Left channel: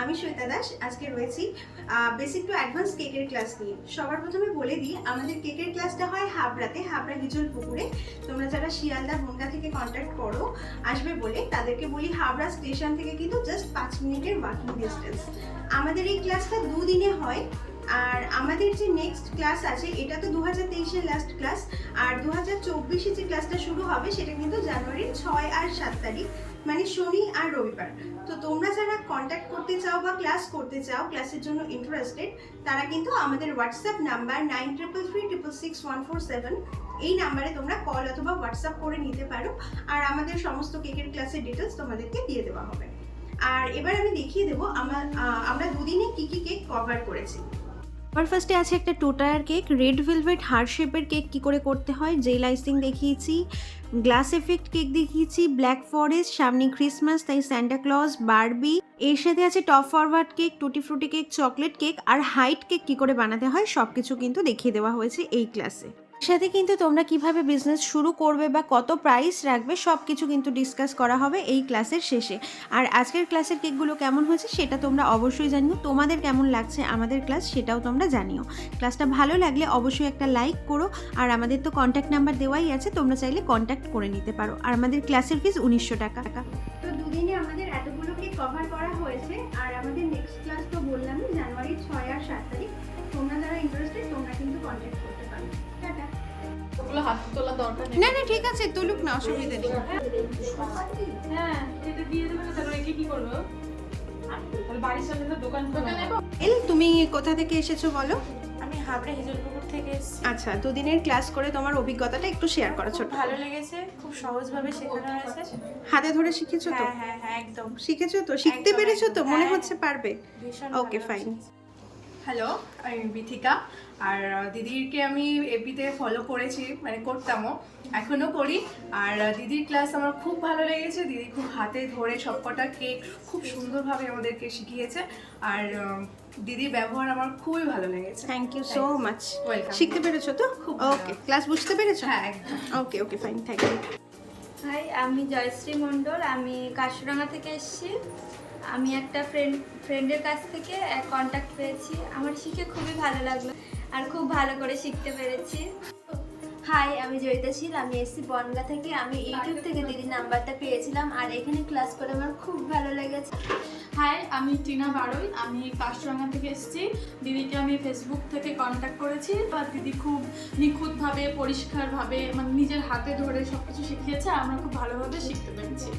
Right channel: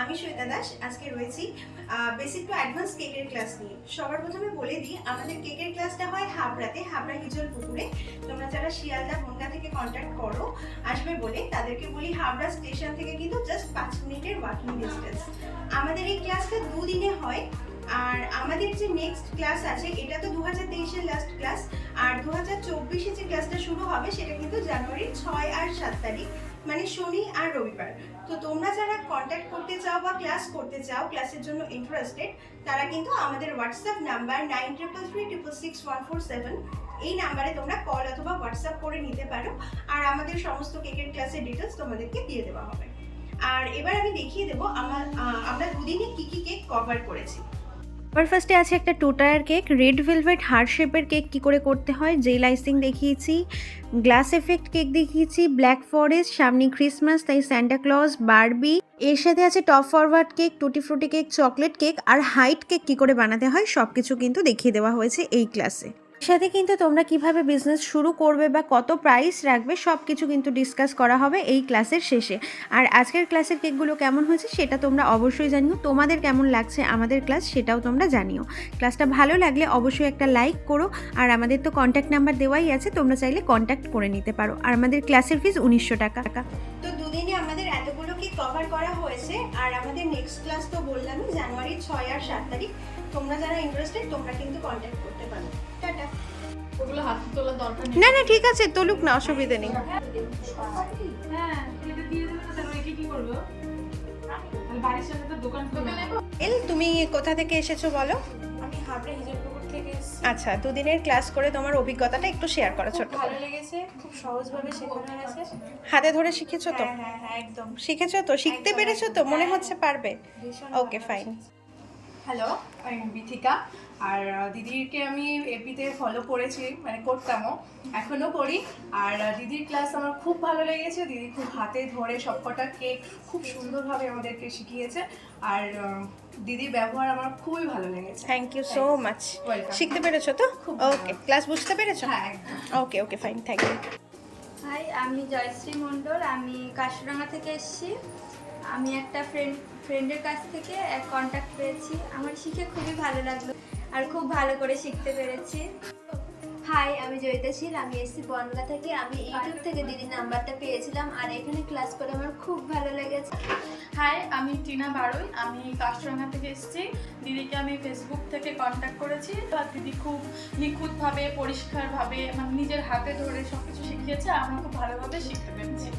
আমি শ্বেতা দাস আজকে রয়েছি বেসিক টু অ্যাডভান্স কেকের ক্লাস নিয়ে। সবার প্রথমে বলে দিই, আমাদের কেকের ক্লাসটা হয় হাবড়াতে, হাবড়া হিজল পুকুরে। তোমরা যারা শিয়ালদা বনগা থেকে কন্ট্যাক্ট করো আসবে বলে, তাদেরকে বলি হাবড়া স্টেশন থেকে কিন্তু জাস্ট 5 মিনিটের ওয়াকিং ডিস্টেন্স। আমাদের এই ক্লাসটা দুদিনে হয়। আর আমাদের যে নেক্সট ক্লাস আছে, এটা তো 2023-এর লাস্ট ক্লাস, আর 2024-এ যে ক্লাসটা শুরু হবে সেটা কিন্তু জানুয়ারির 6 আর 7 তারিখ, মানে শনি আর রবিবার। তো তোমরা যারা কন্ট্যাক্ট করতে চাও বা ক্লাস করতে চাও, ক্লাসের জন্য ইন্টারেস্টেড, তারা কিন্তু আমাদের হোয়াটসঅ্যাপ নাম্বার 9333666147 এই নাম্বারে তোমরা কল অথবা হোয়াটসঅ্যাপ করে নিতে পারো। আর আমাদের সমস্ত কেকের ক্লাসের ডিটেলস তোমাদেরকে দিয়ে দেওয়া হবে। আর এবার আমি দেখিয়ে দেবো আমরা দুদিনে কি কি কেক কভার করেছি। সবার ফার্স্টে আছে একটা 2 tyre cake, red velvet heart শেপের কেক কী করে করতে হয়, জেল আইসিং দেখিয়েছি, গ্লাস এফেক্ট কেক দেখিয়েছি, ব্ল্যাক ফরেস্ট, সামনে ক্রিসমাস তাই স্যান্টা ক্লজ, বারবি। এর সাথে আছে টপ ফরওয়ার্ড কেক, টুটি ফ্রুটি কেক, চকলেট কেক আর হাইট কেক কী করে বানাতে হয় সব কিছু কিন্তু দেখিয়ে দেওয়া হয়েছে এই ক্লাসে। সাথে কিন্তু তোমরা কিভাবে বিজনেস শুরু করবে বা কত প্রাইস রাখবে সব কিছু কিন্তু ডিসকাস করা হবে এই ক্লাসের শেষে। আর আজকের ক্লাসের কেকগুলো কেমন হয়েছে সেটা তোমরা অবশ্যই জানিও, তোমাদের কেমন লাগছে আমাদের ক্লাস সেটাও তোমরা জানিও। ক্লাসটা ভালো লাগলে অবশ্যই একটা লাইক করো। আর আমাদের তো কন্ট্যাক্ট নাম্বার দেওয়াই আছে, তোমরা চাইলে কন্ট্যাক্ট করে নিতে পারো। আর আমাদের ক্লাসের ফিস 1900 টাকা। তো দুদিনে আমাদের এতগুলো কেক কভার করা হয়েছে। আর আমাদের নেক্সট ক্লাস তো বললামই জানুয়ারির 6 আর 7 তারিখ। তোমরা যারা ইন্টারেস্টেড তোমরা কিন্তু কন্ট্যাক্ট করতে পারো। টাটা। ওগুলো হাত তোলার দরকার নেই। না ঠিক আছে, তুলুক না, অসুবিধা নেই। হ্যাঁ, এটা দিয়ে দেবে, তারপর একে কি করবে? তাহলে বাড়ির সামনে তো দোকান খুলে নেব। তুমি কোথা থেকে এসেছো বলো? আমি হাবড়া হিজলপুকুর থেকে এসেছি। আচ্ছা, দুদিনের ক্লাস করে তোমার অভিজ্ঞতাটা একটু শেয়ার করো ছোট। ভালো লেগেছে, খুব সহজভাবে শেখানো হয়েছে। হাতে ধরে শিখেছো তো? হ্যাঁ একদম শিখেছো তো? শিখতে একদম, পেরেছো তো? মনে হ্যাঁ। হচ্ছে পারবে? ভীষণ ওকে, ভালো ফাইন। হয়েছে। হ্যালো, আমি বিথিকা। আর দিদিকে আমি এফবিতে ফলো করেছি, মানে করতামও, এখনও করি। আর দিদির ক্লাস আমার খুব ভালো লেগেছে। দিদি খুব হাতে ধরে সবকটা কেক খুব সুন্দরভাবে আমাদেরকে শিখিয়েছে। আর দিদির ব্যবহার আমার খুবই ভালো লেগেছে। Thank you so much. Welcome. শিখতে পেরেছো তো? খুব ওকে, ক্লাস বুঝতে পেরেছো? হ্যাঁ, একদম। Okay fine, thank you. Hi, আমি জয়শ্রী মণ্ডল। আমি কাশিরাঙ্গা থেকে এসেছি। আমি একটা ফ্রেন্ডের কাছ থেকে কন্ট্যাক্ট পেয়েছি। আমার শিখে খুবই ভালো লাগলো আর খুব ভালো করে শিখতে পেরেছি। হাই, আমি জয়িতা শীল। আমি এসেছি বনগা থেকে। আমি ইউটিউব থেকে দিদির নাম্বারটা পেয়েছিলাম আর এখানে ক্লাস করে আমার খুব ভালো লেগেছে। হাই, আমি টিনা বারোই। আমি কাশিরাঙ্গা থেকে এসেছি। দিদিকে আমি ফেসবুক থেকে কন্ট্যাক্ট করেছি। আর দিদি খুব নিখুঁতভাবে, পরিষ্কারভাবে, মানে নিজের হাতে ধরে সব কিছু শিখিয়েছে আর আমরা খুব ভালোভাবে শিখতে পেরেছি।